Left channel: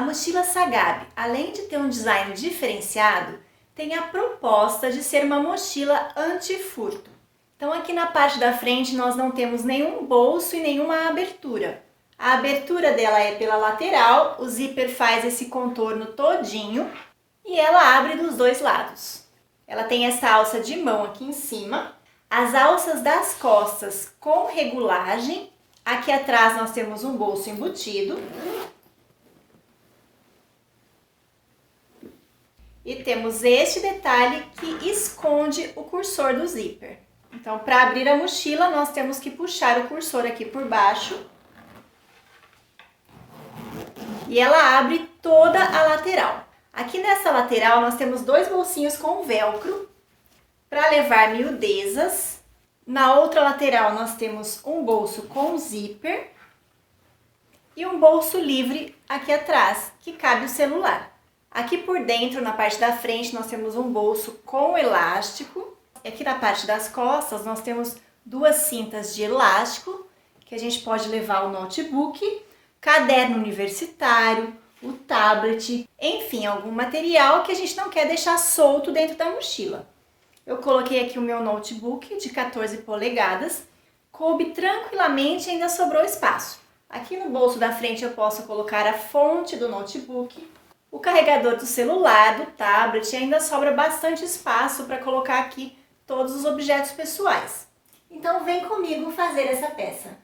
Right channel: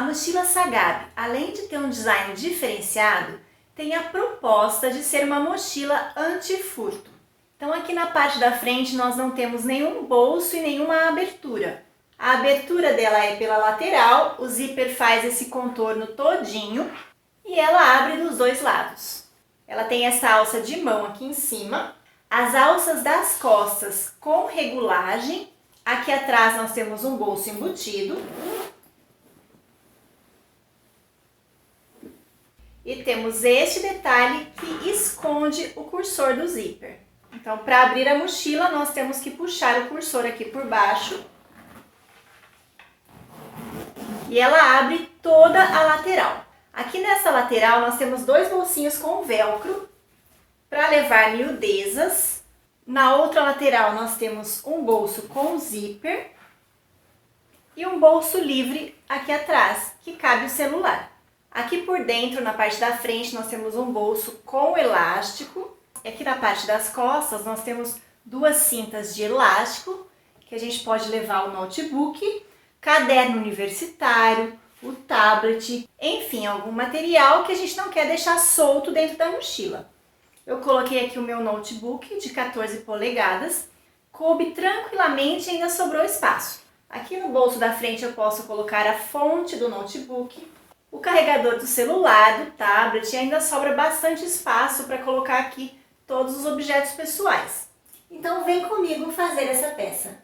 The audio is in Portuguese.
A mochila Sagab, além de ter um design diferenciado, tem a proposta de ser uma mochila anti-furto. Então aqui na parte da frente nós não temos nenhum bolso e nenhuma abertura. A abertura dela é pela lateral, o zíper faz esse contorno todinho e ela abre dos dois lados. Ela tem essa alça de mão aqui em cima, as alças das costas com regulagem. Aqui atrás nós temos um bolso embutido. E temos este detalhe que esconde o cursor do zíper. Então, para abrir a mochila, nós temos que puxar o cursor aqui por baixo. E ela abre toda a lateral. Aqui nessa lateral, nós temos dois bolsinhos com velcro para levar miudezas. Na outra lateral, nós temos um bolso com zíper e um bolso livre aqui atrás, que cabe o celular. Aqui por dentro, na parte da frente, nós temos um bolso com elástico. Aqui na parte das costas, nós temos duas cintas de elástico, que a gente pode levar o notebook, caderno universitário, o tablet, enfim, algum material que a gente não quer deixar solto dentro da mochila. Eu coloquei aqui o meu notebook de 14 polegadas, coube tranquilamente e ainda sobrou espaço. Aqui no bolso da frente eu posso colocar a fonte do notebook, o carregador do celular, do tablet, e ainda sobra bastante espaço para colocar aqui todos os objetos pessoais. Então vem comigo fazer essa peça.